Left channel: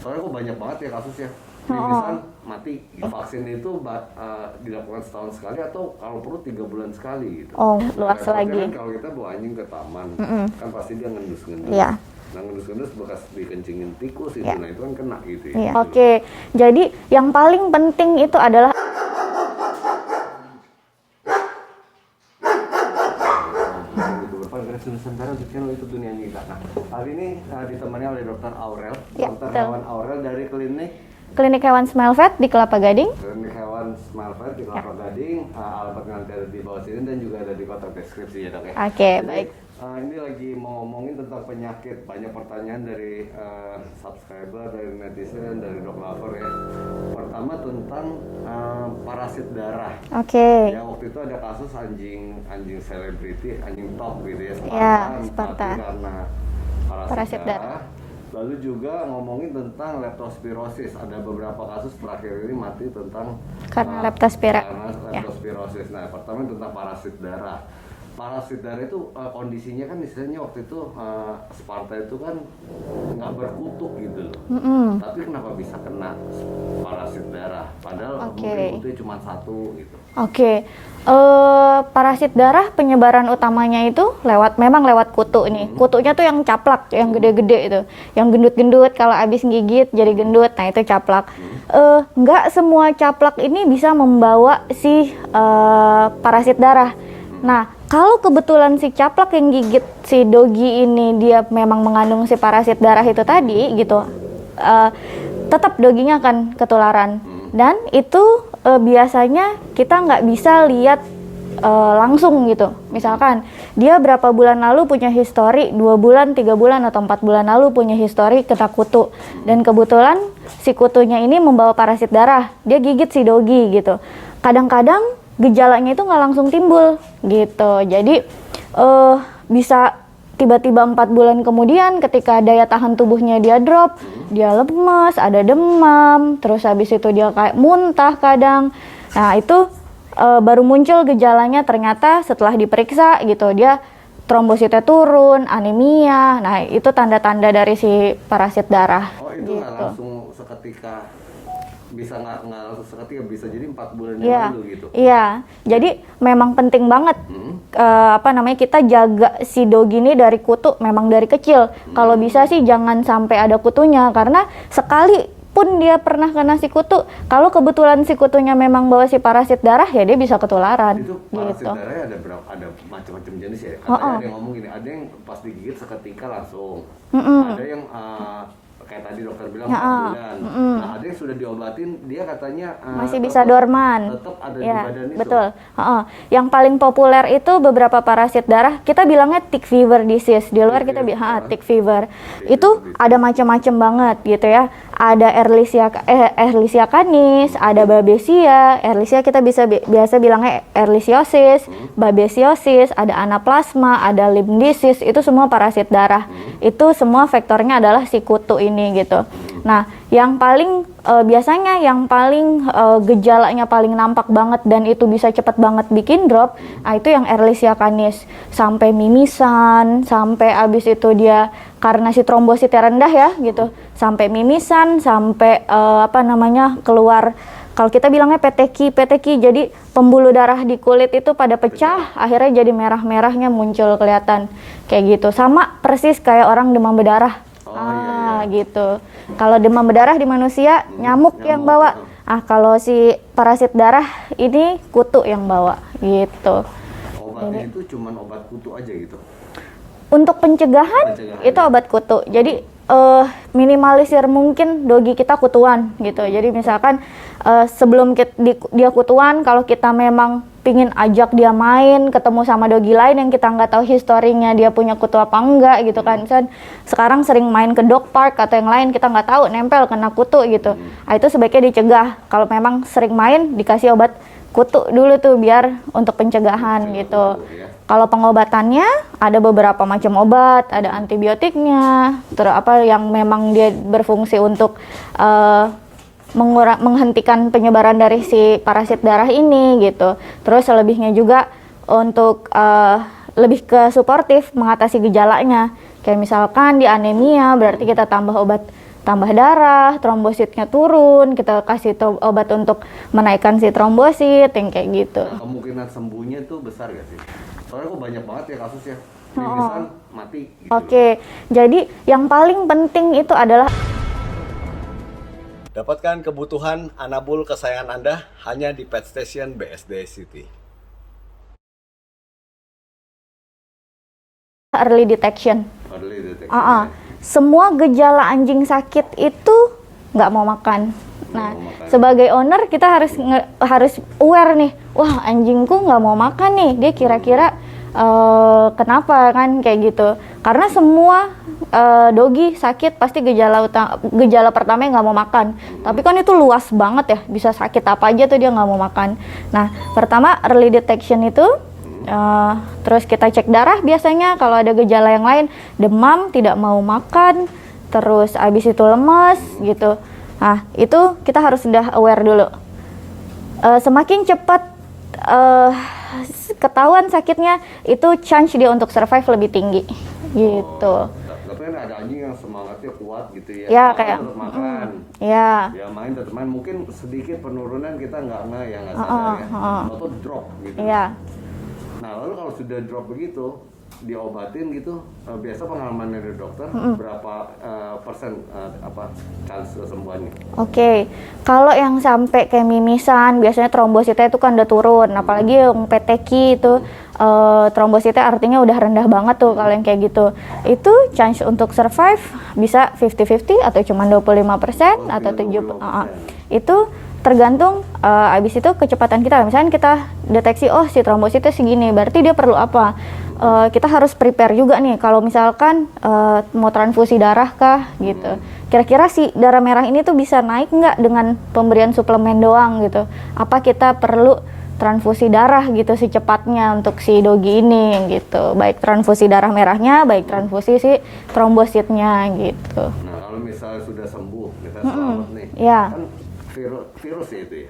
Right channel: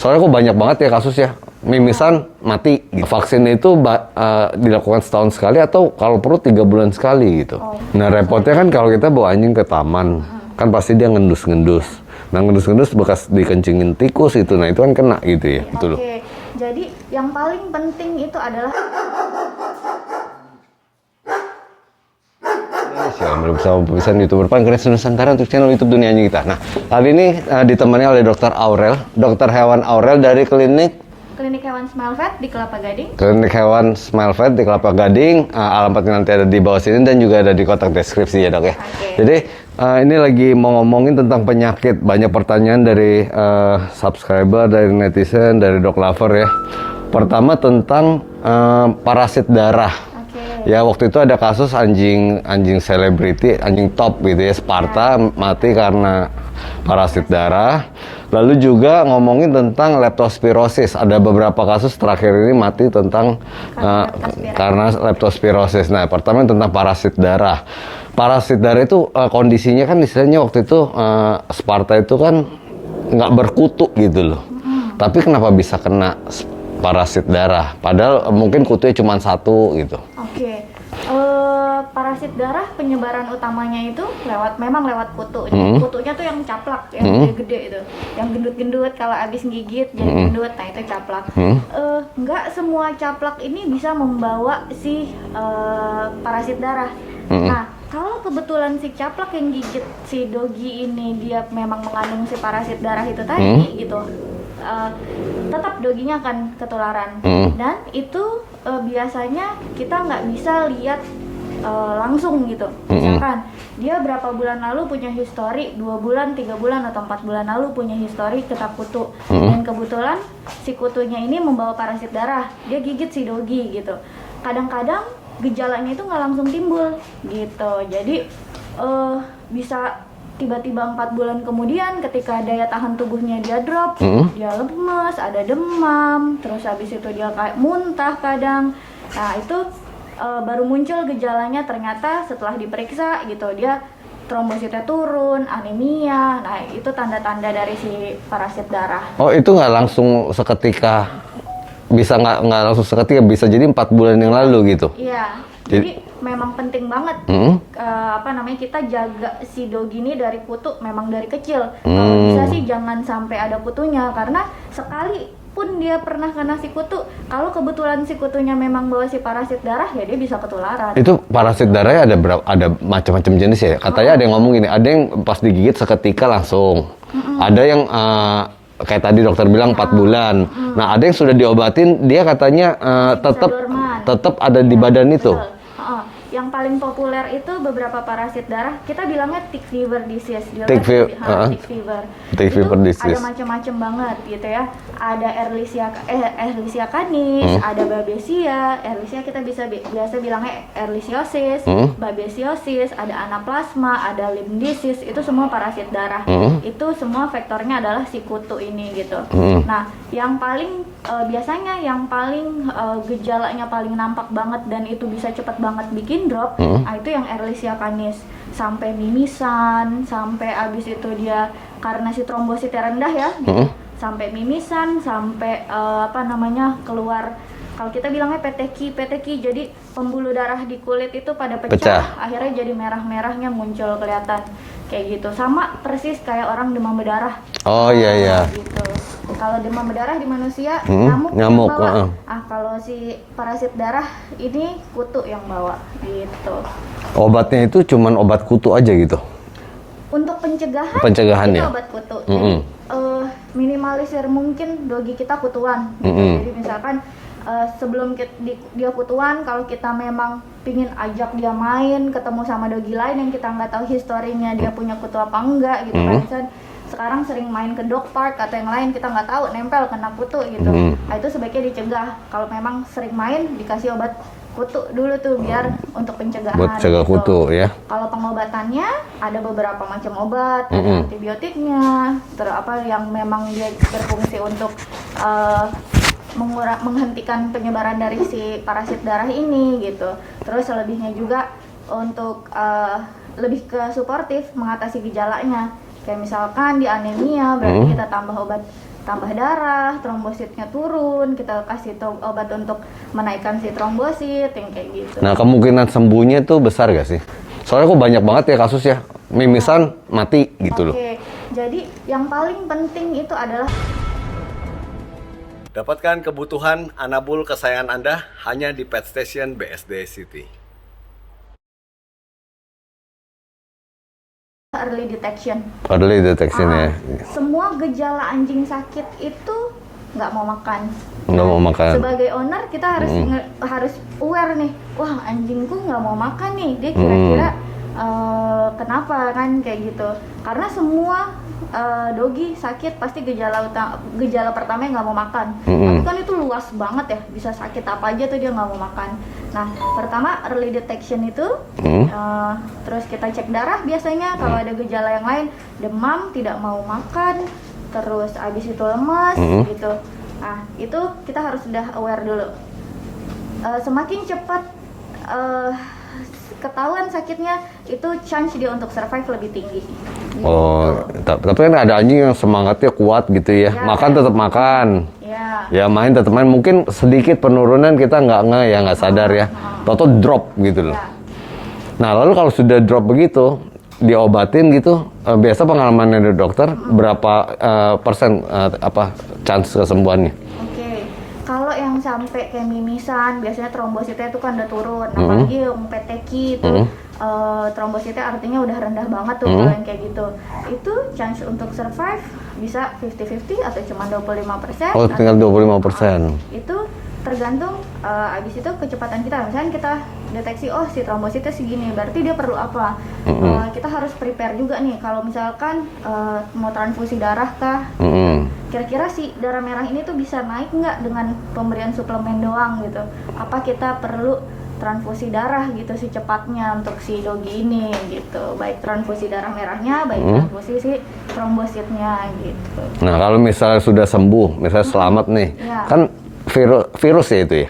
Soalnya kok banyak banget ya kasus ya. Mimisan mati. Vaksin itu dilakukan setahun sekali atau kalau perlu 3 bulan sekali gitu. Nah repotnya kan kalau kita bawa anjing ke taman, kan pasti dia ngendus-ngendus. Iya. Nah ngendus-ngendus bekas dikencingin tikus itu, nah itu kan kena gitu ya. Iya. Oke, jadi yang paling penting itu adalah bersama pemirsa YouTuber Pankreas Nusantara untuk channel YouTube Dunia Anjing kita. Nah, kali ini ditemani oleh Dr. Aurel, dokter hewan Aurel dari Klinik Hewan Smile Vet di Kelapa Gading. Klinik Hewan Smile Vet di Kelapa Gading. Alamatnya nanti ada di bawah sini dan juga ada di kotak deskripsi ya dok ya. Oke. Jadi ini lagi mau ngomongin tentang penyakit. Banyak pertanyaan dari subscriber, dari netizen, dari dog lover ya. Pertama tentang parasit darah. Oke. Ya waktu itu ada kasus anjing selebriti, anjing top gitu ya, Sparta, mati karena parasit darah. Lalu juga ngomongin tentang leptospirosis. Ada beberapa kasus terakhir ini mati tentang karena leptospirosis. Nah, pertama tentang parasit darah. Parasit darah itu kondisinya kan istilahnya waktu itu Sparta itu kan nggak berkutu gitu loh. Tapi kenapa bisa kena parasit darah? Padahal mungkin kutunya cuma 1 gitu. Oke. Parasit darah penyebaran utamanya itu memang lewat kutu nih. Kutunya tuh yang caplak, yang gede-gede itu, yang gendut-gendut kalau abis gigit jadi gendut. Nah itu caplak. Nggak semua caplak ini bisa membawa si parasit darah. Nah kalau kebetulan si caplak yang gigit si dogi ini dia memang mengandung si parasit darah itu tadi gitu, tetap doginya akan ketularan. Dan itu biasanya kita nggak bisa lihat langsung gitu. Misalkan dia berapa bulan lalu punya histori, 2 bulan, 3 bulan, atau 4 bulan lalu punya histori kena kutu. Dan kebetulan si kutunya ini membawa parasit darah, dia gigit si dogi gitu. Kadang-kadang gejalanya itu nggak langsung timbul gitu. Jadi bisa tiba-tiba 4 bulan kemudian ketika daya tahan tubuhnya dia drop, dia lemas, ada demam, terus habis itu dia kayak muntah kadang. Nah itu baru muncul gejalanya ternyata setelah diperiksa gitu, dia trombositnya turun, anemia. Nah itu tanda-tanda dari si parasit darah. Oh itu nggak langsung seketika, bisa nggak langsung seketika, bisa jadi 4 bulan yang lalu gitu? Iya. Jadi memang penting banget kita jaga si dogi ini dari kutu memang dari kecil. Kalau bisa sih jangan sampai ada kutunya, karena sekali pun dia pernah kena si kutu, kalau kebetulan si kutunya memang bawa si parasit darah ya dia bisa ketularan. Itu parasit darahnya ada macam-macam jenis ya. Katanya ada yang ngomong gini, ada yang pas digigit seketika langsung. Ada yang kayak tadi dokter bilang 4 bulan. Nah, ada yang sudah diobatin, dia katanya tetap ada di badan itu. Betul. Yang paling populer itu beberapa parasit darah, kita bilangnya tick fever disease. Di luar kita bilang tick fever. Itu ada macam-macam banget gitu ya. Ada Ehrlichia canis, ada Babesia. Ehrlichia kita biasa bilangnya Ehrlichiosis, Babesiosis, ada Anaplasma, ada Lyme disease. Itu semua parasit darah. Itu semua vektornya adalah si kutu ini gitu. Nah, yang paling biasanya yang paling gejalanya paling nampak banget dan itu bisa cepat banget bikin drop, itu yang Ehrlichia canis, sampai mimisan, sampai abis itu dia karena si trombositnya rendah ya gitu, sampai mimisan, sampai keluar, kalau kita bilangnya peteki, jadi pembuluh darah di kulit itu pada pecah. Akhirnya jadi merah-merahnya muncul kelihatan kayak gitu, sama persis kayak orang demam berdarah. Oh iya gitu. Kalau demam berdarah di manusia nyamuk yang bawa. Kalau si parasit darah ini kutu yang bawa gitu. Obatnya itu cuman obat kutu aja gitu. Untuk pencegahan itu obat kutu. Jadi minimalisir mungkin dogi kita kutuan gitu. Jadi misalkan sebelum dia kutuan, kalau kita memang pingin ajak dia main, ketemu sama dogi lain yang kita nggak tahu historinya dia punya kutu apa enggak gitu kan. Sekarang sering main ke dog park atau yang lain, kita nggak tahu nempel kena kutu gitu. Nah, itu sebaiknya dicegah. Kalau memang sering main, dikasih obat kutu dulu tuh biar untuk pencegahan gitu. Kutu, ya. Kalau pengobatannya ada beberapa macam obat, ada antibiotiknya, terus yang memang dia berfungsi untuk menghentikan penyebaran dari si parasit darah ini gitu. Terus selebihnya juga untuk lebih ke suportif mengatasi gejalanya. Kayak misalkan di anemia berarti kita tambah obat tambah darah, trombositnya turun, kita kasih obat untuk menaikkan si trombosit, yang kayak gitu. Nah, kemungkinan sembuhnya tuh besar gak sih? Soalnya kok banyak banget ya kasus ya, mimisan mati gitu loh. Oke, jadi yang paling penting itu adalah Dapatkan kebutuhan anabul kesayangan Anda hanya di Pet Station BSD City. early detection. Early detection ya. Semua gejala anjing sakit itu nggak mau makan. Nggak mau makan. Sebagai owner kita harus harus aware nih. Wah, anjingku nggak mau makan nih. Dia kira-kira kenapa kan kayak gitu. Karena semua dogi sakit pasti gejala pertama nggak mau makan. Tapi kan itu luas banget ya. Bisa sakit apa aja tuh dia nggak mau makan. Nah, pertama early detection itu terus kita cek darah biasanya kalau ada gejala yang lain, demam, tidak mau makan, terus abis itu lemas gitu. Nah, itu kita harus sudah aware dulu. Semakin cepat ketahuan sakitnya, itu chance dia untuk survive lebih tinggi. Gitu. Oh, tapi kan ada anjing yang semangatnya kuat gitu ya. Ya, Makan tetap makan. Ya. Ya main tetap main. Mungkin sedikit penurunan kita nggak sadar ya. Toto drop gitu loh. Ya. Nah, lalu kalau sudah drop begitu, diobatin gitu, biasa pengalaman dari dokter berapa persen chance kesembuhannya? Oke. Kalau yang sampai kayak mimisan, biasanya trombositnya itu kan udah turun. Apalagi yang PTQ itu trombositnya artinya udah rendah banget tuh kalau yang kayak gitu. Itu chance untuk survive bisa 50-50 atau cuma 25%. Oh, tinggal 25%. Itu tergantung abis itu kecepatan kita. Misalnya kita deteksi, oh si trombositnya segini, berarti dia perlu apa? Kita harus prepare juga nih, kalau misalkan mau transfusi darah kah gitu. Kira-kira si darah merah ini tuh bisa naik nggak dengan pemberian suplemen doang gitu? Apa kita perlu transfusi darah gitu secepatnya untuk si dogi ini gitu, baik transfusi darah merahnya, baik transfusi si trombositnya gitu. Nah, kalau misalnya sudah sembuh, misalnya selamat nih, kan virus ya itu ya?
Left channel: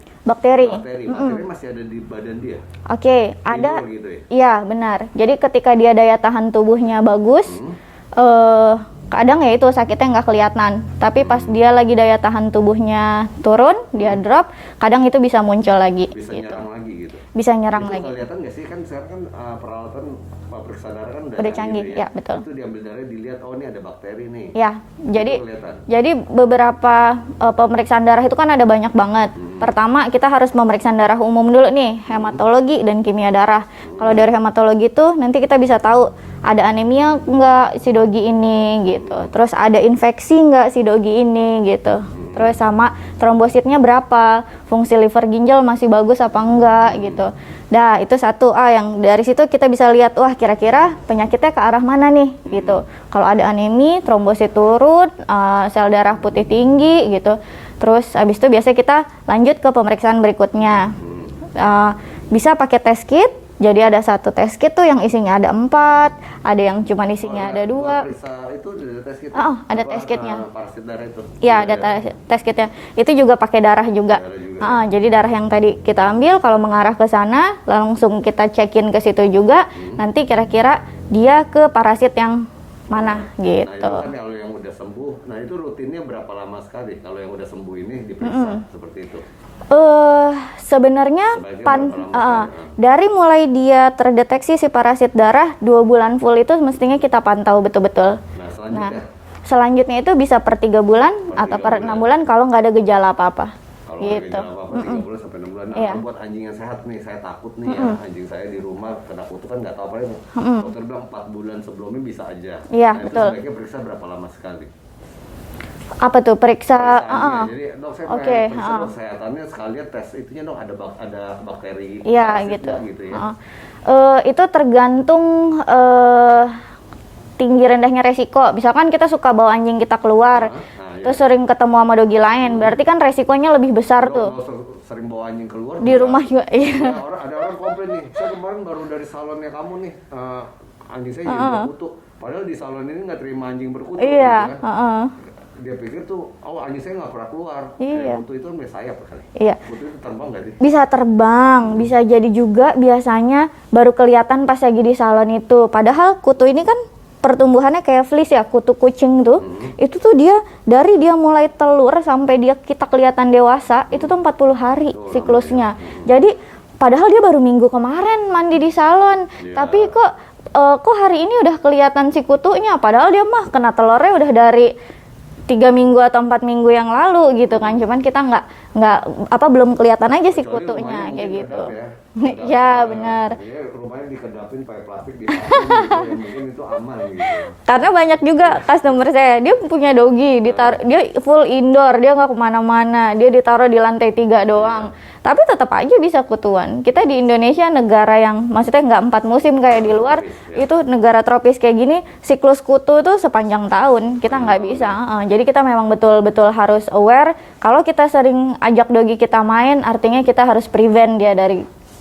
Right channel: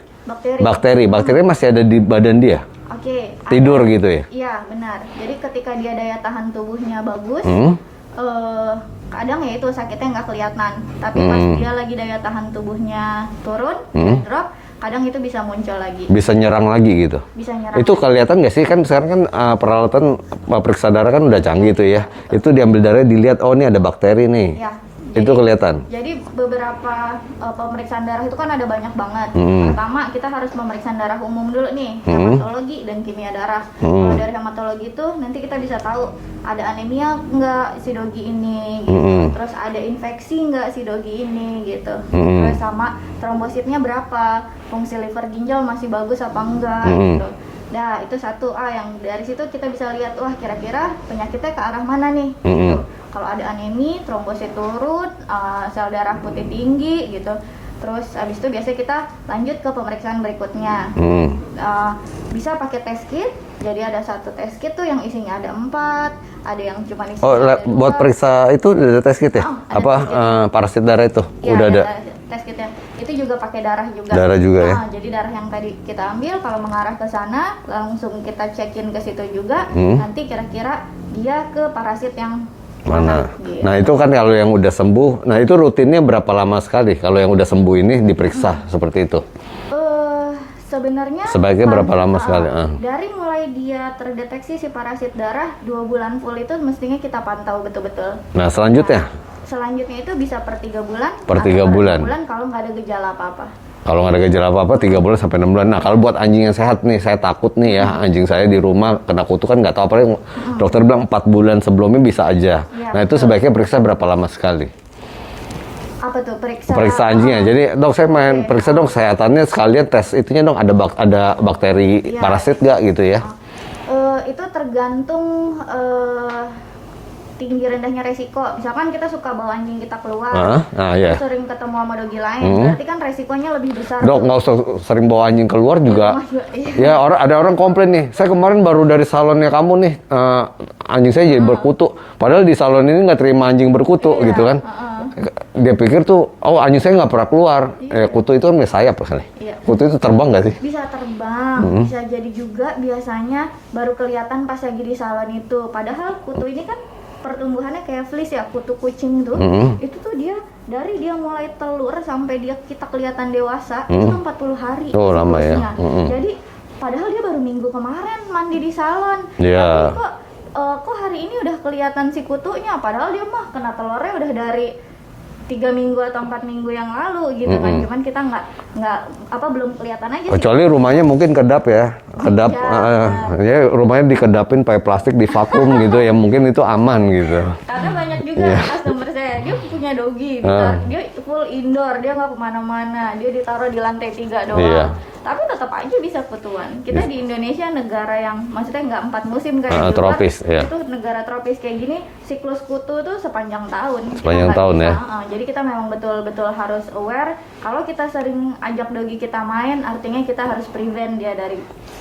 Bakteri masih ada di badan dia? Oke. Tidur gitu ya? Iya, benar. Jadi ketika dia daya tahan tubuhnya bagus, kadang ya itu sakitnya nggak kelihatan. Tapi pas dia lagi daya tahan tubuhnya turun, dia drop, kadang itu bisa muncul lagi. Bisa nyerang lagi gitu? Bisa nyerang itu lagi. kelihatan nggak sih? Kan sekarang kan peralatan periksa darah kan udah canggih tuh ya. Itu diambil darah dilihat, oh ini ada bakteri nih. Ya, jadi, itu kelihatan? Jadi beberapa pemeriksaan darah itu kan ada banyak banget. Pertama kita harus pemeriksaan darah umum dulu nih, hematologi dan kimia darah. Kalau dari hematologi itu nanti kita bisa tahu ada anemia nggak si dogi ini gitu. Terus ada infeksi nggak si dogi ini gitu. Terus sama trombositnya berapa, fungsi liver ginjal masih bagus apa enggak gitu. Nah, itu satu yang dari situ kita bisa lihat, wah kira-kira penyakitnya ke arah mana nih gitu. Kalau ada anemi, trombosit turun, sel darah putih tinggi gitu. Terus habis itu biasanya kita lanjut ke pemeriksaan berikutnya. Bisa pakai test kit. Jadi ada satu test kit tuh yang isinya ada 4, ada yang cuma isinya ada 2. Buat periksa itu ada test kit ya? Ada test kit. Parasit darah itu? Iya, ada test kitnya. Itu juga pakai darah juga. Darah juga ya? Jadi darah yang tadi kita ambil, kalau mengarah ke sana, langsung kita cekin ke situ juga. Nanti kira-kira dia ke parasit yang mana gitu. Nah, itu kan kalau yang udah sembuh. Nah, itu rutinnya berapa lama sekali kalau yang udah sembuh ini diperiksa seperti itu? Sebenarnya sebaiknya berapa lama sekali? Dari mulai dia terdeteksi si parasit darah 2 bulan full itu mestinya kita pantau betul-betul. Nah, selanjutnya? Selanjutnya itu bisa per 3 bulan per 3 atau per bulan. 6 bulan kalau nggak ada gejala apa-apa. Kalau nggak ada gejala apa-apa 3 bulan sampai 6 bulan. Nah, kalau buat anjing yang sehat nih, saya takut nih ya, anjing saya di rumah kena kutu kan nggak tahu apa. Dokter bilang 4 bulan sebelumnya bisa aja. Nah, itu sebaiknya periksa berapa lama sekali? Apa tuh periksa anjingnya? Jadi dok saya main periksa dong kesehatannya sekalian tes itunya dong ada bakteri parasit nggak gitu ya? Itu tergantung tinggi rendahnya resiko. Misalkan kita suka bawa anjing kita keluar, terus sering ketemu sama dogi lain, berarti kan resikonya lebih besar. Dok, nggak usah sering bawa anjing keluar di juga. Rumah juga. Ya ada orang komplain nih, saya kemarin baru dari salonnya kamu nih, anjing saya jadi berkutu. Padahal di salon ini nggak terima anjing berkutu gitu kan. Dia pikir tuh, oh anjing saya nggak pernah keluar. Kutu itu kan sayap kali. Kutu itu terbang nggak sih? Bisa terbang, bisa jadi juga biasanya baru kelihatan pas lagi di salon itu. Padahal kutu ini kan pertumbuhannya kayak fleece ya, kutu kucing tuh. Itu tuh dari dia mulai telur sampai kita kelihatan dewasa, itu tuh 40 hari Oh, lama siklusnya. ya. Jadi padahal dia baru minggu kemarin mandi di salon, Iya. tapi kok hari ini udah kelihatan si kutunya, padahal dia mah kena telurnya udah dari 3 minggu atau 4 minggu yang lalu gitu kan. Cuman kita nggak belum kelihatan aja sih. Kecuali rumahnya mungkin kedap ya, kedap, Ya, benar. ya rumahnya dikedapin pakai plastik di vakum gitu, ya mungkin itu aman gitu. Karena banyak juga customer saya, dia punya doggy, dia full indoor, dia nggak kemana-mana, dia ditaruh di lantai 3 doang. Iya. Tapi tetap aja bisa kutuan. Kita di Indonesia negara yang maksudnya nggak 4 musim kayak di luar, tropis, ya. itu negara tropis kayak gini, siklus kutu tuh sepanjang tahun. Kita Sepanjang nggak tahun, bisa. ya. Jadi kita memang betul-betul harus aware. Kalau kita sering ajak doggy kita main, artinya kita harus prevent dia dari.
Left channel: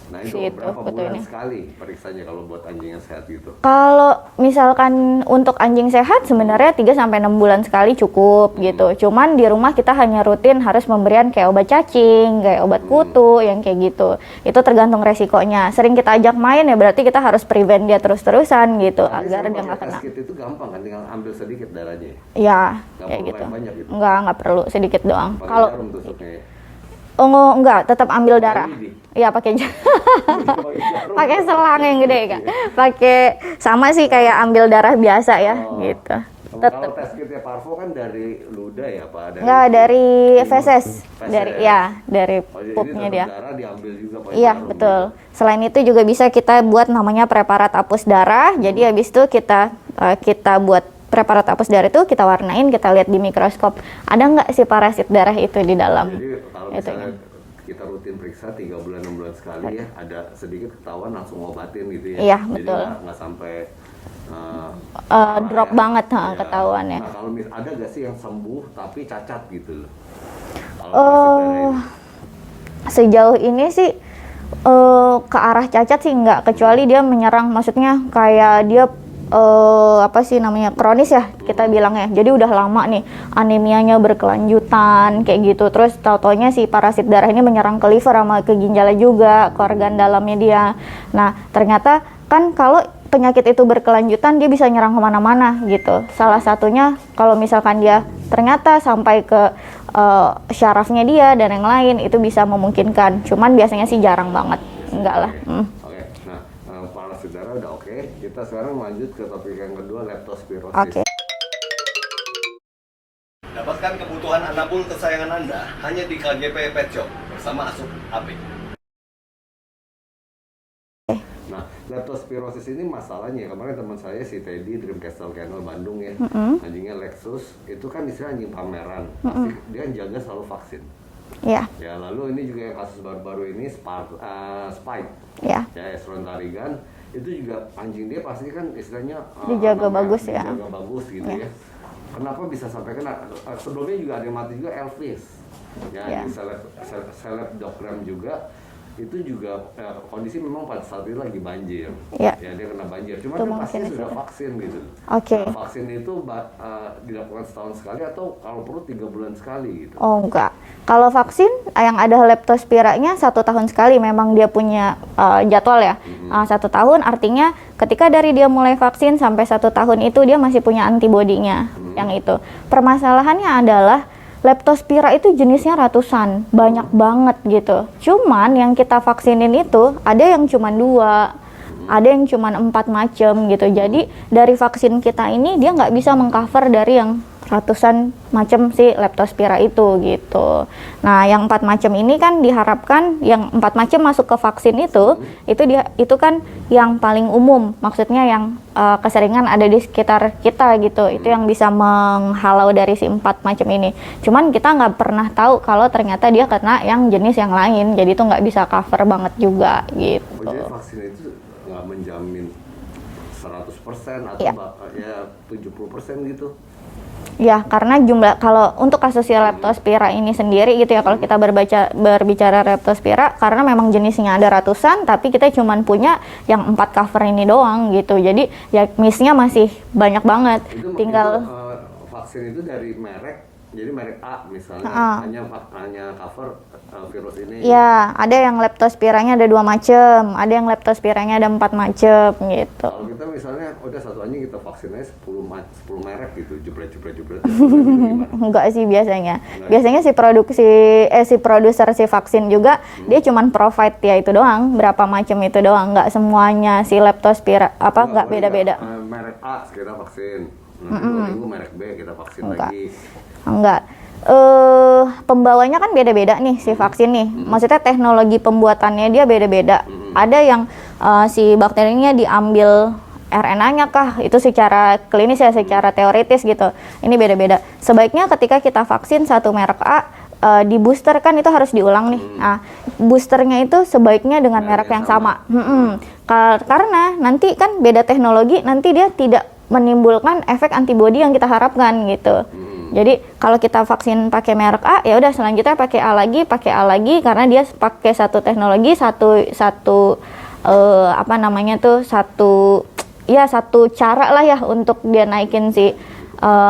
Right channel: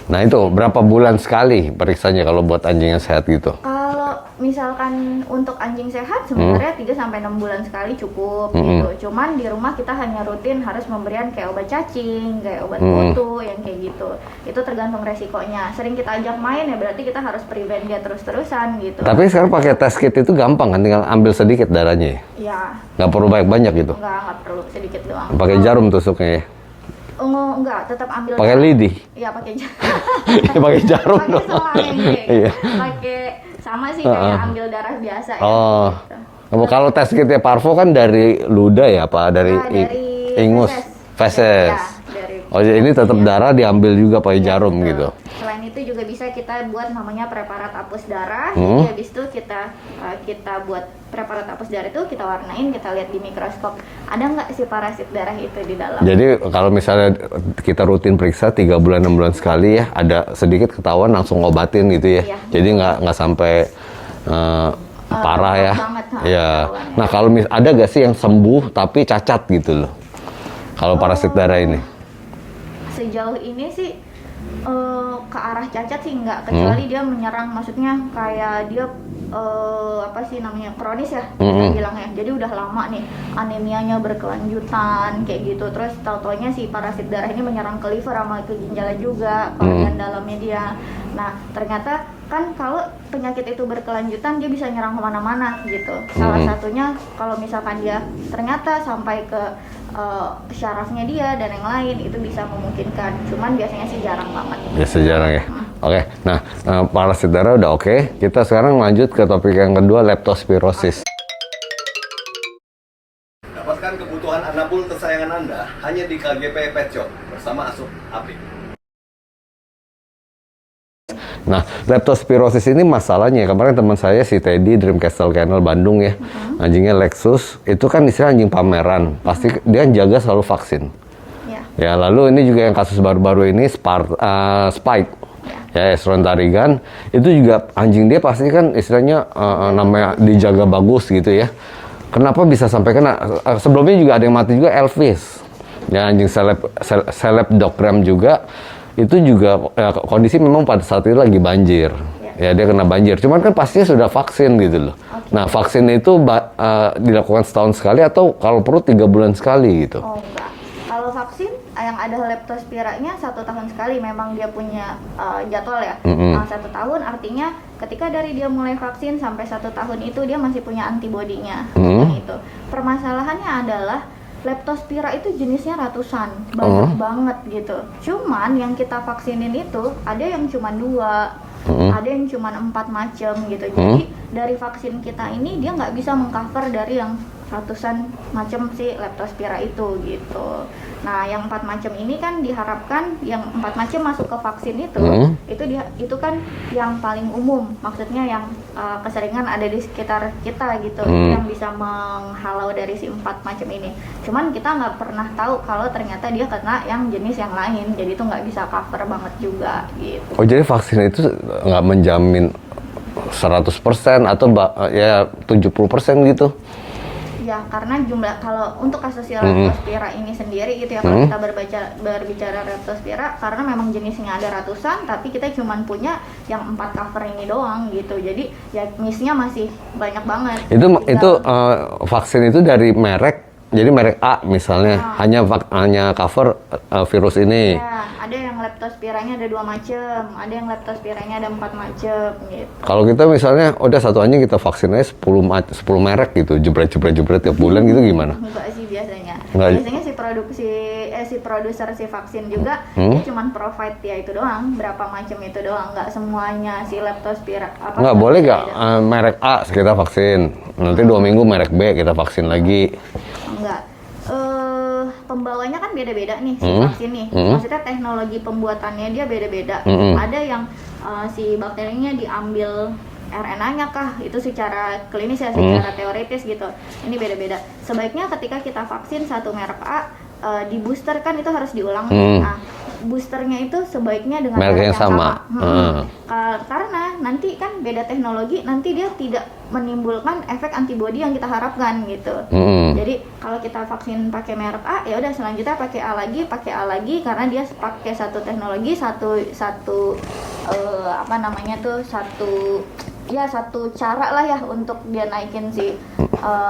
Nah itu berapa bulan sekali periksanya kalau buat anjing yang sehat gitu? Kalau misalkan untuk anjing sehat sebenarnya 3-6 bulan sekali cukup gitu. Cuman di rumah kita hanya rutin harus memberian kayak obat cacing, kayak obat kutu yang kayak gitu. Itu tergantung resikonya. Sering kita ajak main ya berarti kita harus prevent dia terus-terusan gitu. Tapi sekarang pakai test kit itu gampang kan, tinggal ambil sedikit darahnya ya? Ya. Nggak perlu banyak-banyak gitu? Nggak perlu, sedikit doang. Pakai Kalau- jarum tusuknya ya? Oh enggak, tetap ambil Pakai darah. lidi? Iya, pakai jarum. Pakai jarum? Pakai selang yang gede kan. Iya. Pakai sama sih kayak ambil darah biasa ya Oh. gitu. Kalau tes kitnya Parvo kan dari luda ya, Pak? Dari Ya, dari ingus? feses. Feses. Dari Oh, jadi ini tetap dia. darah diambil juga pakai Iya, jarum betul. gitu. Selain itu juga bisa kita buat namanya preparat hapus darah. Jadi habis itu kita buat preparat hapus darah itu kita warnain, kita lihat di mikroskop ada nggak si parasit darah itu di dalam. Jadi kalau misalnya kita rutin periksa 3 bulan 6 bulan sekali ya, ada sedikit ketahuan langsung obatin gitu ya. Iya, Jadi betul. nggak sampai parah drop ya. banget, Ya. ketahuannya. Nah kalau ada nggak sih yang sembuh tapi cacat gitu loh? Kalau parasit darah ini? Sejauh ini sih ke arah cacat sih nggak, kecuali dia menyerang, maksudnya kayak dia apa sih namanya, kronis ya kita bilangnya. Jadi udah lama nih anemianya berkelanjutan kayak gitu. Terus tau-taunya si parasit darah ini menyerang ke liver sama ke ginjalnya juga, ke organ dalamnya dia. Nah ternyata kan kalau penyakit itu berkelanjutan dia bisa nyerang kemana-mana gitu. Salah satunya kalau misalkan dia ternyata sampai ke syarafnya dia dan yang lain, itu bisa memungkinkan. Cuman biasanya sih jarang banget. Biasa jarang ya. Oke. Nah, parasit darah udah oke. Kita sekarang lanjut ke topik yang kedua, leptospirosis. Oke. Dapatkan kebutuhan anabul kesayangan Anda hanya di KGP Pet Shop bersama Asup Apik. Nah, leptospirosis ini masalahnya, kemarin teman saya si Teddy Dreamcastle Kennel Bandung ya, anjingnya Lexus, itu kan istilah anjing pameran, pasti dia jaga selalu vaksin. Ya, Ya, lalu ini juga yang kasus baru-baru ini Spike. ya. Ya, Esrontarigan, itu juga anjing dia pasti kan istilahnya namanya bagus, dijaga bagus gitu ya. Kenapa bisa sampai kena? Sebelumnya juga ada yang mati juga, Elvis. Ya, anjing seleb doggram juga. Itu juga kondisi memang pada saat itu lagi banjir. Ya. Ya, dia kena banjir. Cuman kan pastinya sudah vaksin gitu loh. Oke. Nah, vaksin itu dilakukan setahun sekali atau kalau perlu 3 bulan sekali gitu. Oh enggak. Kalau vaksin yang ada leptospiranya 1 tahun sekali, memang dia punya jadwal ya. 1 tahun artinya ketika dari dia mulai vaksin sampai 1 tahun itu dia masih punya antibodinya yang itu. Permasalahannya adalah leptospira itu jenisnya ratusan, banyak banget gitu. Cuman yang kita vaksinin itu ada yang cuma 2, ada yang cuma 4 macam gitu. Jadi dari vaksin kita ini dia nggak bisa mengcover dari yang ratusan macam si leptospira itu gitu. Nah, yang 4 macam ini kan diharapkan yang 4 macam masuk ke vaksin itu kan yang paling umum, maksudnya yang keseringan ada di sekitar kita gitu. Itu yang bisa menghalau dari si 4 macam ini. Cuman kita nggak pernah tahu kalau ternyata dia kena yang jenis yang lain, jadi itu nggak bisa cover banget juga gitu. Oh, jadi vaksin itu nggak menjamin 100% atau ya 70% gitu? Ya, karena kalau untuk kasus si leptospira ini sendiri gitu ya, kalau kita berbicara leptospira, karena memang jenisnya ada ratusan, tapi kita cuma punya yang 4 cover ini doang gitu. Jadi ya miss-nya masih banyak banget. Itu vaksin itu dari merek jadi merek A misalnya hanya cover virus ini. Ya, ada yang leptospiranya ada 2 macam, ada yang leptospiranya ada 4 macam gitu. Kalau kita misalnya udah satu anjing kita vaksin aja 10 merek gitu, jebret tiap bulan gitu gimana? Enggak sih biasanya. Enggak. Biasanya si produser si vaksin juga dia cuman provide ya itu doang, berapa macam itu doang, enggak semuanya si leptospira Nggak boleh nggak beda-beda. merek A kita vaksin, nanti 2 minggu merek B kita vaksin lagi. Enggak. Pembawanya kan beda-beda nih si vaksin nih. Maksudnya teknologi pembuatannya dia beda-beda. Ada yang si bakterinya diambil RNA-nya kah? Itu secara klinis ya, secara teoritis gitu. Ini beda-beda. Sebaiknya ketika kita vaksin satu merek A, di booster kan itu harus diulang nih. Nah, boosternya itu sebaiknya dengan merek yang sama. Karena nanti kan beda teknologi, nanti dia tidak menimbulkan efek antibodi yang kita harapkan gitu. Jadi kalau kita vaksin pakai merek A, ya udah selanjutnya pakai A lagi karena dia pakai satu teknologi, satu cara lah ya untuk dia naikin si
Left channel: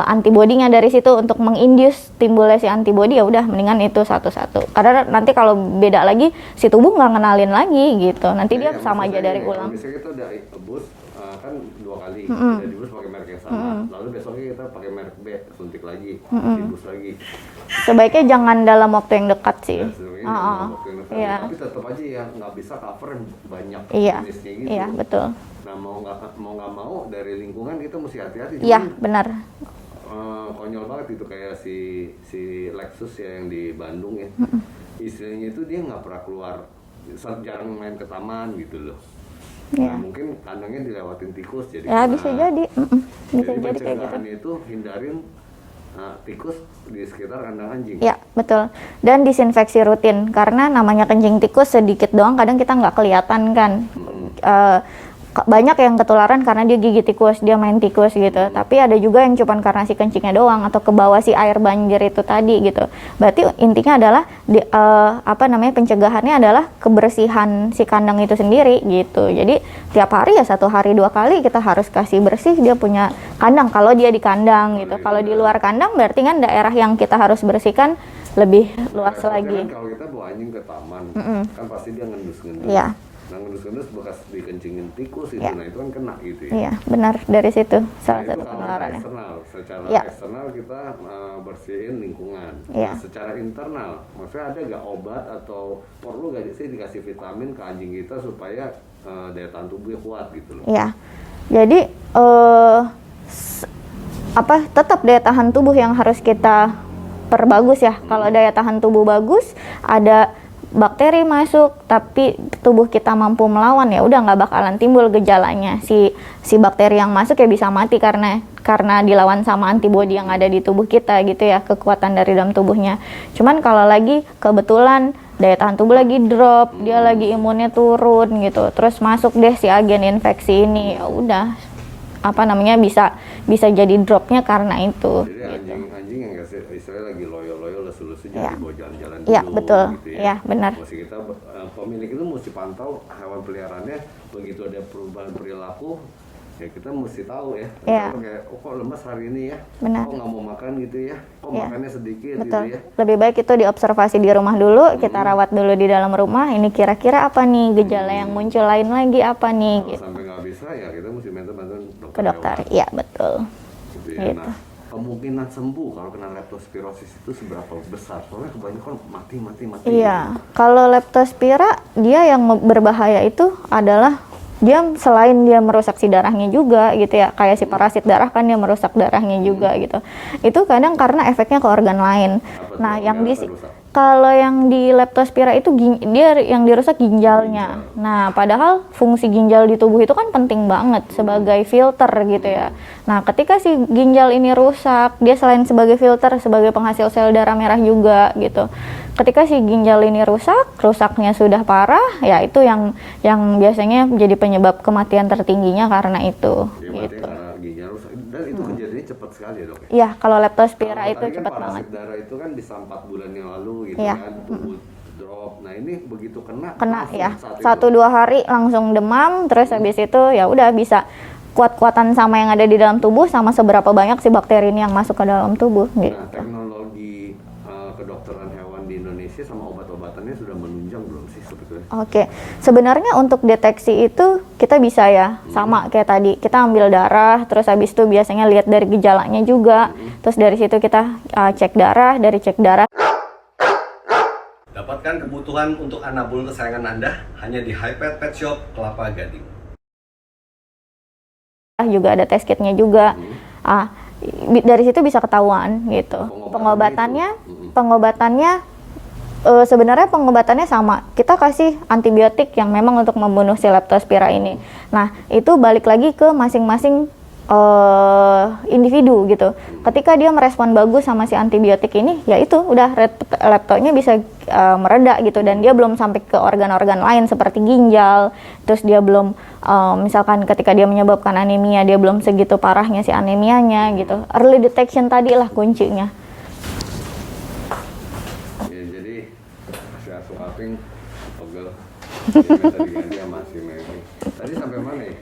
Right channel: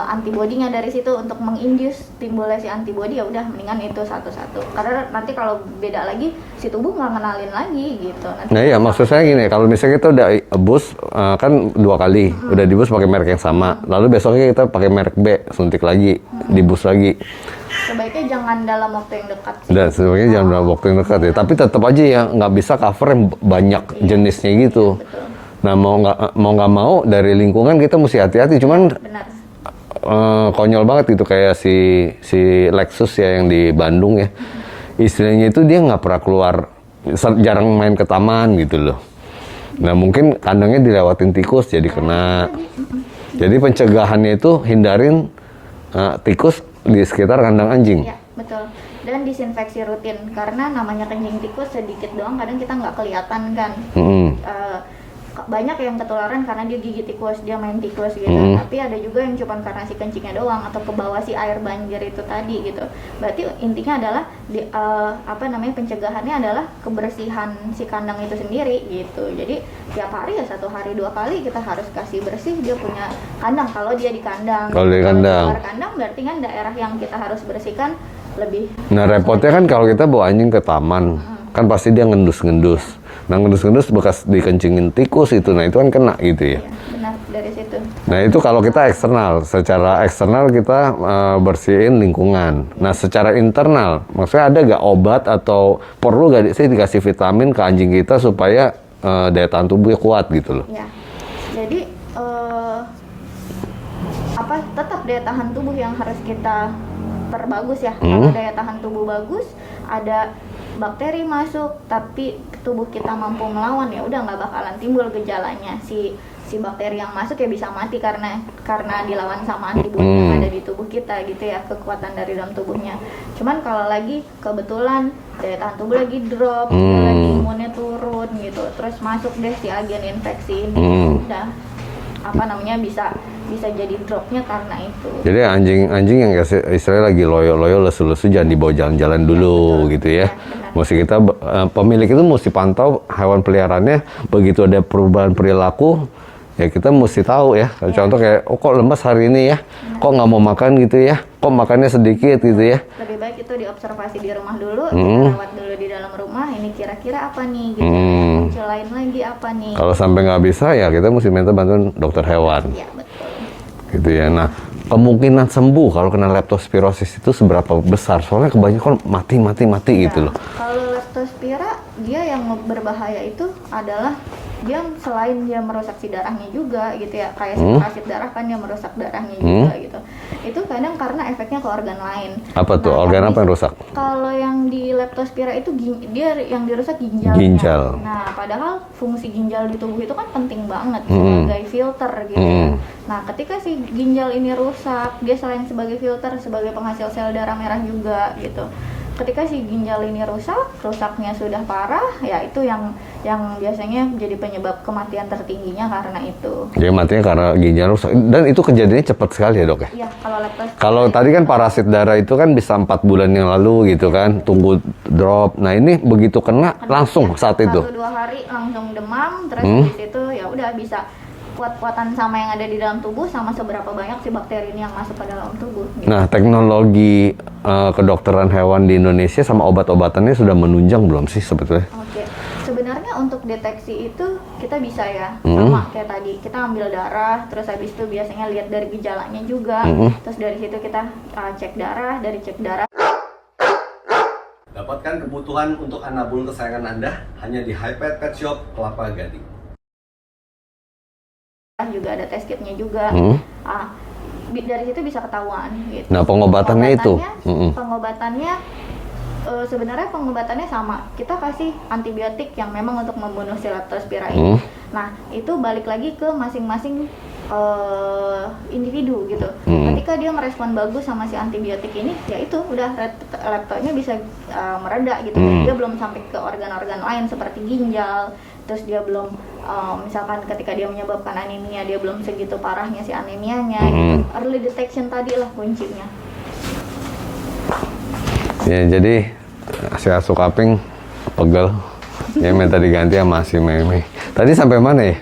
antibodinya dari situ untuk menginduce timbulnya si antibodi, ya udah mendingan itu satu-satu. Karena nanti kalau beda lagi si tubuh nggak ngenalin lagi gitu. Nanti Nah iya, maksud saya gini, kalau misalnya kita udah boost kan 2 kali, udah di boost pakai merek yang sama, lalu besoknya kita pakai merek B, suntik lagi, di boost lagi. Sebaiknya jangan dalam waktu yang dekat sih. Dan sebenarnya jangan dalam waktu yang dekat ya, tapi tetap aja ya nggak bisa cover yang banyak jenisnya gitu. Iya, betul. Nah mau nggak mau dari lingkungan kita mesti hati-hati, cuman benar. konyol banget gitu kayak si Lexus ya yang di Bandung ya, istilahnya itu dia nggak pernah keluar, jarang main ke taman gitu loh. Nah mungkin kandangnya dilewatin tikus jadi kena. Jadi pencegahannya itu hindarin tikus di sekitar kandang anjing. Ya betul. Dan disinfeksi rutin karena namanya kencing tikus sedikit doang kadang kita nggak kelihatan kan. Banyak yang ketularan karena dia gigit tikus, dia main tikus gitu. Tapi ada juga yang cuma karena si kencingnya doang atau ke bawah si air banjir itu tadi gitu. Berarti intinya adalah pencegahannya adalah kebersihan si kandang itu sendiri gitu. Jadi tiap hari ya 1 hari 2 kali kita harus kasih bersih dia punya kandang kalau dia di kandang. Kalau di luar kandang berarti kan daerah yang kita harus bersihkan lebih. Nah repotnya kan kalau kita bawa anjing ke taman, kan pasti dia ngendus-ngendus. Ya. Nah ngendus-ngendus bekas dikencingin tikus itu, nah itu kan kena gitu ya. Iya benar dari situ. Nah itu kalau kita eksternal, secara eksternal kita bersihin lingkungan. Nah secara internal, maksudnya ada gak obat atau perlu gak sih dikasih vitamin ke anjing kita supaya daya tahan tubuhnya kuat gitu loh? Iya, jadi tetap daya tahan tubuh yang harus kita perbagus ya. Kalau daya tahan tubuh bagus, ada bakteri masuk tapi tubuh kita mampu melawan, ya udah nggak bakalan timbul gejalanya. Si bakteri yang masuk ya bisa mati karena dilawan sama antibodi yang ada di tubuh kita gitu ya, kekuatan dari dalam tubuhnya. Cuman kalau lagi kebetulan daya tahan tubuh lagi drop, dia lagi imunnya turun gitu, terus masuk deh si agen infeksi ini, ya udah bisa jadi dropnya karena itu. Jadi anjing yang istilahnya lagi loyo-loyo lesu-lesu jangan dibawa jalan-jalan dulu gitu ya. Benar. Mesti kita pemilik itu mesti pantau hewan peliharaannya, begitu ada perubahan perilaku ya kita mesti tahu ya. Contoh kayak kok lemas hari ini ya, kok nggak mau makan gitu ya, kok makannya sedikit gitu ya. Lebih baik itu diobservasi di rumah dulu, kita rawat dulu di dalam rumah, ini kira-kira apa nih gejala yang muncul, lain lagi apa nih. Kalau sampai nggak bisa ya kita mesti minta bantuan dokter hewan. Iya betul. Gitu ya. Nah kemungkinan sembuh kalau kena leptospirosis itu seberapa besar? Soalnya kebanyakan mati gitu loh. Kalau leptospira dia yang berbahaya itu adalah dia selain dia merusak si darahnya juga gitu ya, kayak si parasit darah kan dia merusak darahnya juga gitu. Itu kadang karena efeknya ke organ lain. Apa tuh? Organ apa yang rusak? Kalau yang di leptospira itu dia yang dirusak ginjalnya. Ginjal. Nah, padahal fungsi ginjal di tubuh itu kan penting banget sebagai filter gitu ya. Nah, ketika si ginjal ini rusak, dia selain sebagai filter, sebagai penghasil sel darah merah juga gitu. Ketika si ginjal ini rusaknya sudah parah, ya itu yang biasanya jadi penyebab kematian tertingginya karena itu. Jadi matinya karena ginjal rusak. Dan itu kejadiannya cepat sekali ya dok ya? Iya, kalau leptospira. Kalau tadi kan parasit darah itu kan bisa 4 bulan yang lalu gitu kan, tunggu drop. Nah ini begitu kena langsung saat itu? 1-2 hari langsung demam, terus habis itu ya udah bisa kuat-kuatan sama yang ada di dalam tubuh, sama seberapa banyak si bakteri ini yang masuk ke dalam tubuh. Gitu. Nah, teknologi kedokteran hewan di Indonesia sama obat-obatannya sudah menunjang belum sih sebetulnya? Oke, sebenarnya untuk deteksi itu kita bisa ya, sama kayak tadi, kita ambil darah, terus habis itu biasanya lihat dari gejalanya juga, terus dari situ kita cek darah, dari cek darah. Dapatkan kebutuhan untuk anabul kesayangan Anda hanya di Hypet Pet Shop Kelapa Gading. Juga ada test kitnya juga. Dari situ bisa ketahuan gitu. Nah, pengobatannya itu? Pengobatannya sebenarnya pengobatannya sama. Kita kasih antibiotik yang memang untuk membunuh si Leptospira ini. Nah, itu balik lagi ke masing-masing individu gitu. Ketika dia merespon bagus sama si antibiotik ini, ya itu udah leptonya bisa mereda gitu, dan dia belum sampai ke organ-organ lain seperti ginjal. Terus dia belum misalkan ketika dia menyebabkan anemia, dia belum segitu parahnya si anemianya gitu. Early detection tadi lah kuncinya. Ya, jadi si Asu Kaping pegel. Ya minta diganti sama si Meme. Tadi sampai mana ya?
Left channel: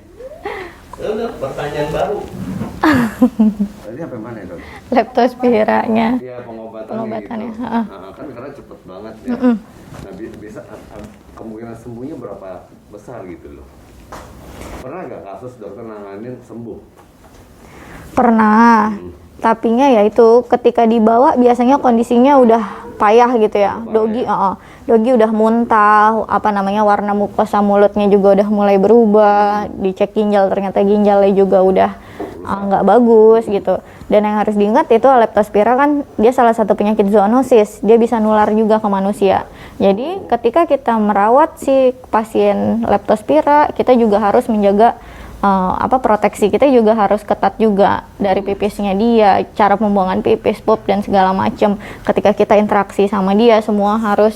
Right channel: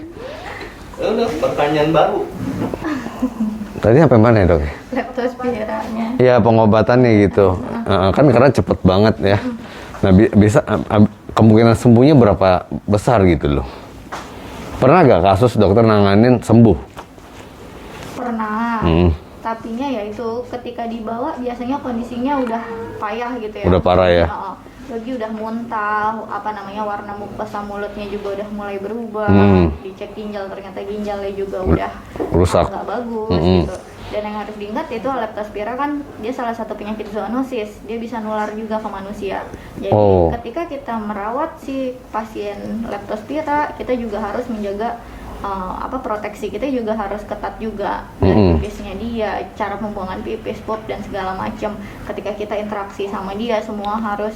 Udah pertanyaan baru. Tadi sampai mana ya, Dok? Leptospiranya. Ya, pengobatannya gitu. Kan karena cepet banget ya. Nah, bisa kemungkinan sembuhnya berapa besar gitu loh? Pernah gak kasus dokter nanganin sembuh? Pernah. Tapinya ya itu ketika dibawa biasanya kondisinya udah payah gitu ya. Udah parah ya? Dogi udah muntah, warna mukosa mulutnya juga udah mulai berubah. Dicek ginjal, ternyata ginjalnya juga udah rusak, nggak bagus gitu. Dan yang harus diingat itu Leptospira kan dia salah satu penyakit zoonosis, dia bisa nular juga ke manusia. Jadi ketika kita merawat si pasien Leptospira, kita juga harus menjaga proteksi kita juga harus ketat juga dari pipisnya dia, cara pembuangan pipis, pup dan segala macam. Ketika kita interaksi sama dia semua harus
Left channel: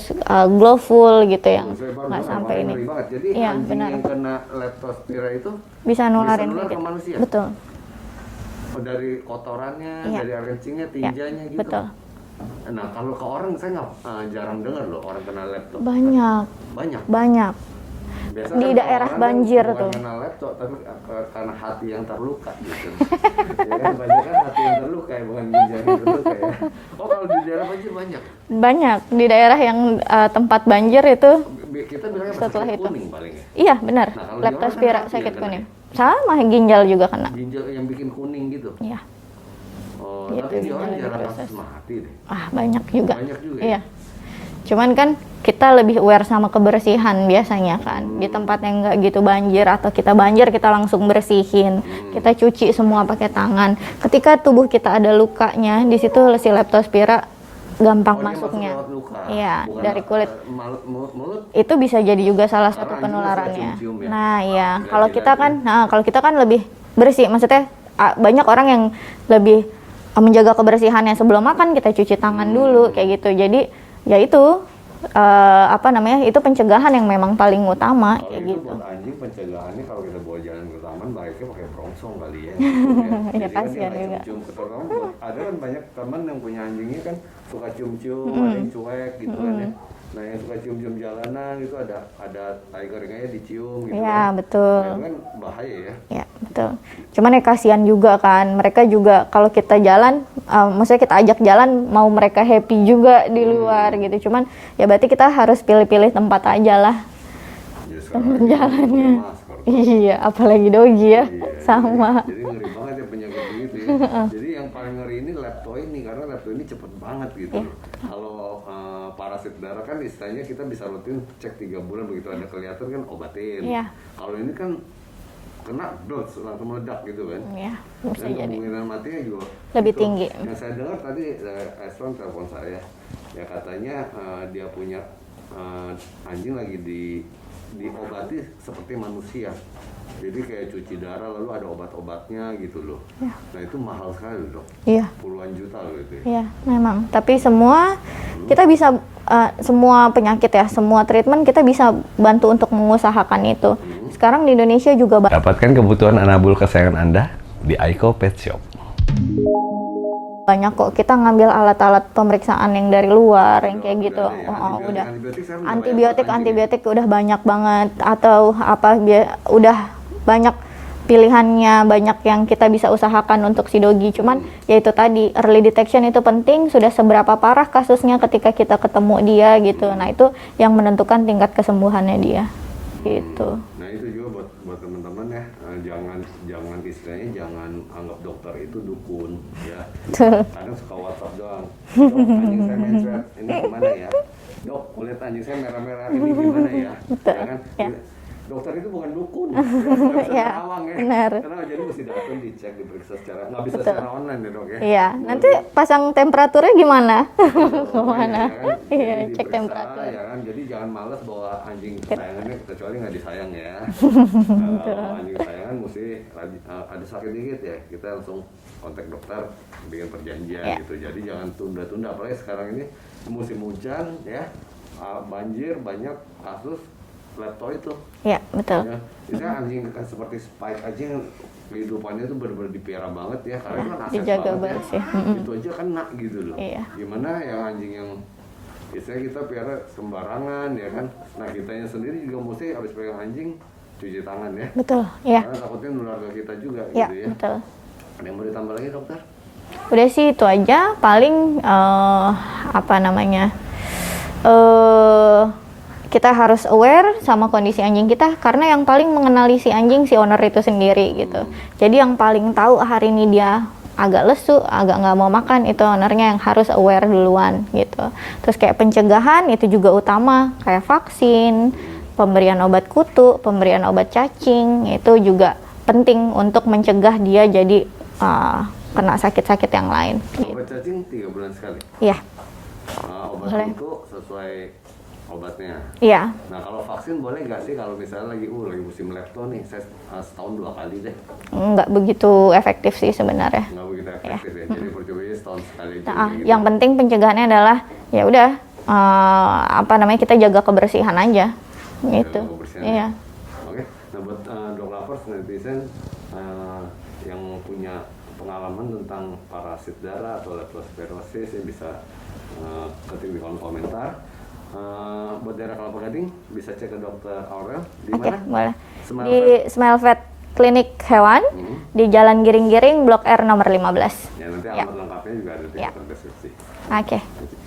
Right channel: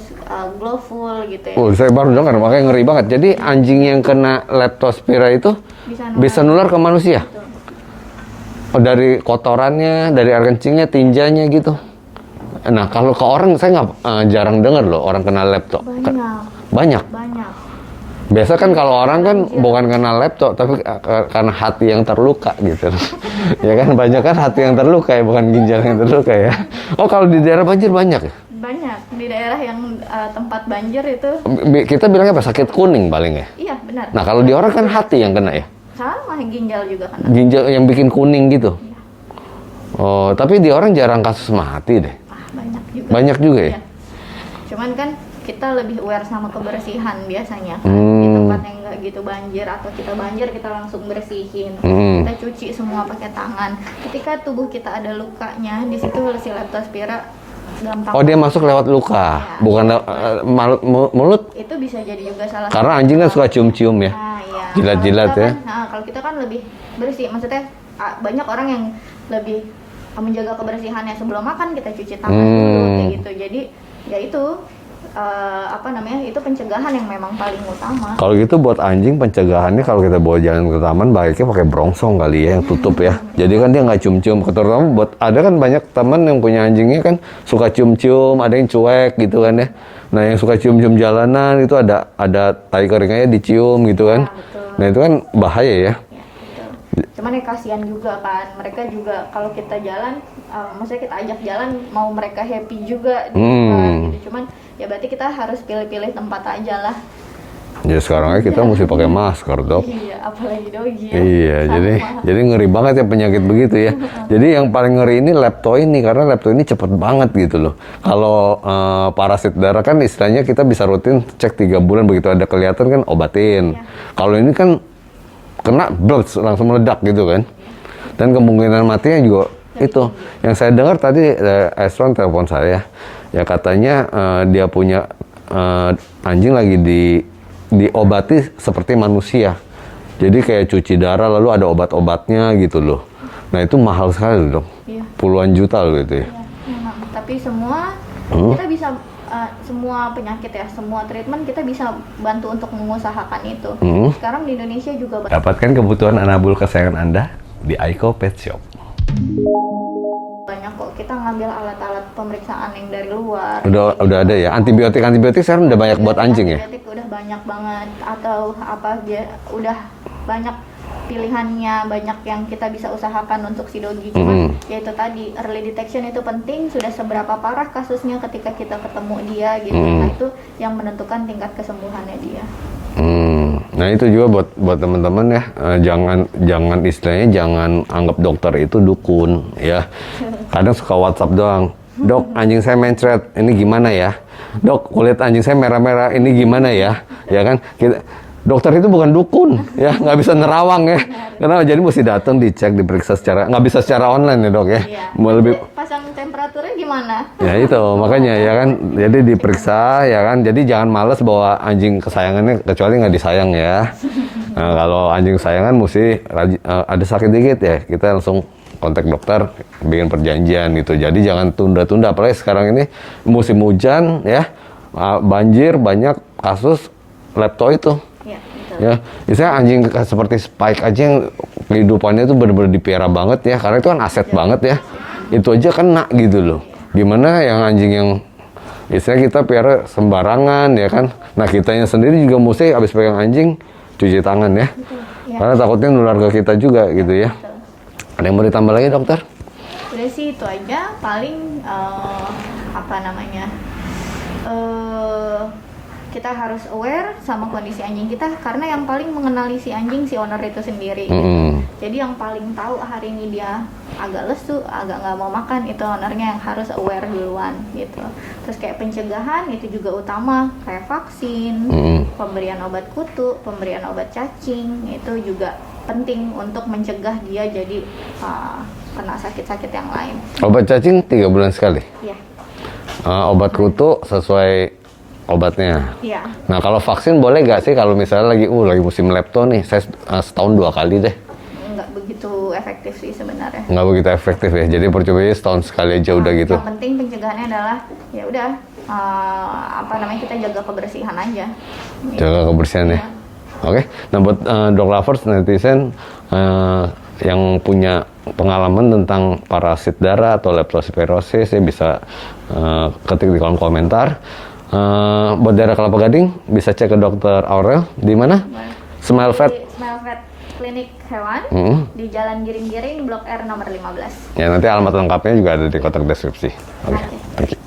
glowful gitu ya. Saya baru dengar, makanya ngeri banget. Jadi anjing yang kena Leptospira itu bisa nular ke manusia. Betul. Dari kotorannya, dari air kencingnya, tinjanya gitu. Betul. Nah, kalau ke orang saya jarang dengar loh orang kena lepto. Banyak. Biasa kan kalau orang kan bukan kena lepto, tapi karena hati yang terluka gitu. Ya kan, banyak kan hati yang terluka ya, bukan ginjal yang terluka ya. Oh, kalau di daerah banjir banyak ya? Banyak, di daerah yang tempat banjir itu. Kita bilangnya apa? Sakit kuning paling ya? Iya, benar. Nah, kalau di orang kan hati yang kena ya? Sama, ginjal juga kena. Ginjal yang bikin kuning gitu? Iya. Oh, tapi di orang jarang kasus mati deh. Banyak juga. Banyak juga ya? Iya. Cuman kan kita lebih aware sama kebersihan biasanya kan. Di tempat yang nggak gitu banjir, atau kita banjir kita langsung bersihin. Kita cuci semua pakai tangan. Ketika tubuh kita ada lukanya, di situ si Leptospira gampang. Oh, dia masuk lewat luka, ya, bukan mulut. Itu bisa jadi juga salah satu. Karena anjing kan suka cium-cium ya. Nah, iya. Jilat-jilat ya. Kalau kita kan lebih bersih. Maksudnya banyak orang yang lebih menjaga kebersihannya sebelum makan, kita cuci tangan dulu kayak gitu. Jadi ya itu itu pencegahan yang memang paling utama. Kalau gitu buat anjing pencegahannya, kalau kita bawa jalan ke taman baiknya pakai brongsong kali ya, yang tutup ya. Jadi kan dia nggak cium-cium. Terutama buat ada kan banyak teman yang punya anjingnya kan suka cium-cium, ada yang cuek gitu kan ya. Nah, yang suka cium-cium jalanan itu ada tai keringnya dicium gitu kan. Betul. Nah, itu kan bahaya ya. Ya, betul. Cuman ya kasihan juga kan. Mereka juga kalau kita jalan, maksudnya kita ajak jalan, mau mereka happy juga di luar gitu. Cuman ya berarti kita harus pilih-pilih tempat aja lah. Ya sekarang aja kita mesti pakai masker, Dok. Iya, apalagi Dogi ya. Iya, jadi ngeri banget ya penyakit begitu ya. Jadi yang paling ngeri ini lepto ini, karena lepto ini cepet banget gitu loh. Kalau parasit darah kan istilahnya kita bisa rutin cek 3 bulan, begitu ada kelihatan kan obatin. Iya. Kalau ini kan kena langsung meledak gitu kan. Iya. Dan kemungkinan matinya juga lebih itu. tinggi. Yang saya dengar tadi Esron telepon saya, ya katanya dia punya anjing lagi diobati seperti manusia. Jadi kayak cuci darah lalu ada obat-obatnya gitu loh. Nah, itu mahal sekali loh, Dok. Iya. Puluhan juta loh itu ya. Iya, memang. Tapi semua kita bisa semua penyakit ya, semua treatment kita bisa bantu untuk mengusahakan itu. Sekarang di Indonesia juga Dapatkan kebutuhan anabul kesayangan Anda di Aiko Pet Shop. banyak kok, kita ngambil alat-alat pemeriksaan yang dari luar. Udah ada ya. Antibiotik sekarang udah banyak buat anjing ya. Antibiotik udah banyak banget, atau apa dia udah banyak pilihannya banyak yang kita bisa usahakan untuk si dogi. Cuman ya itu tadi, early detection itu penting. Sudah seberapa parah kasusnya ketika kita ketemu dia gitu. Nah itu yang menentukan tingkat kesembuhannya dia. Nah itu juga buat teman-teman ya, jangan istilahnya jangan anggap dokter itu dukun ya. Kadang suka WhatsApp doang, dok anjing saya mencret, ini gimana ya? Dok kulit anjing saya merah-merah, ini gimana ya? Ya kan? Dokter itu bukan dukun ya, nggak bisa nerawang ya. Karena jadi mesti datang dicek, diperiksa secara, nggak bisa secara online ya dok ya. Iya. Mau Nanti lebih pasang temperaturnya gimana? ya itu makanya ya kan, jadi diperiksa ya kan, jadi jangan males bawa anjing kesayangannya kecuali nggak disayang ya. Nah, kalau anjing kesayangan mesti ada sakit dikit ya kita langsung kontak dokter, bikin perjanjian gitu. Jadi jangan tunda-tunda, apalagi sekarang ini musim hujan ya, banjir, banyak kasus lepto itu. Ya, betul. Ya, misalnya anjing seperti Spike aja yang kehidupannya itu benar-benar dipelihara banget ya, karena itu kan aset Jaga banget ya. terus ya. Itu aja kena gitu loh. Iya. Gimana yang anjing yang istilahnya kita pelihara sembarangan ya kan. Nah, kitanya sendiri juga mesti habis pegang anjing cuci tangan ya. Betul. Ya. Karena takutnya nular ke kita juga Ya, gitu ya. betul. Ada yang mau ditambah lagi dokter? Udah sih itu aja. Paling apa namanya? Kita harus aware sama kondisi anjing kita, karena yang paling mengenali si anjing si owner itu sendiri gitu. Jadi yang paling tahu hari ini dia agak lesu, agak nggak mau makan, itu ownernya yang harus aware duluan gitu. Terus kayak pencegahan itu juga utama, kayak vaksin, pemberian obat kutu, pemberian obat cacing, itu juga penting untuk mencegah dia jadi kena sakit-sakit yang lain. Obat cacing 3 bulan sekali. Iya. Obat kutu sesuai obatnya. Iya. Nah kalau vaksin boleh nggak sih kalau misalnya lagi musim lepto nih, saya setahun 2 kali deh. Nggak begitu efektif sih sebenarnya. Nggak begitu efektif ya, jadi percobanya setahun sekali aja udah gitu. Yang penting pencegahannya adalah ya udah apa namanya, kita jaga kebersihan aja. Gitu. Jaga kebersihan ya. Iya. Oke, nah buat dog lovers netizen yang punya pengalaman tentang parasit darah atau leptospirosis ya bisa ketik di kolom komentar. Buat daerah Kelapa Gading bisa cek ke dokter Aurel di mana? Boleh. Smile Di Vet. Smile Vet Klinik Hewan di Jalan Giring-Giring Blok R nomor 15. Ya nanti alamat lengkapnya juga ada di kotak deskripsi. Oke. Thank you.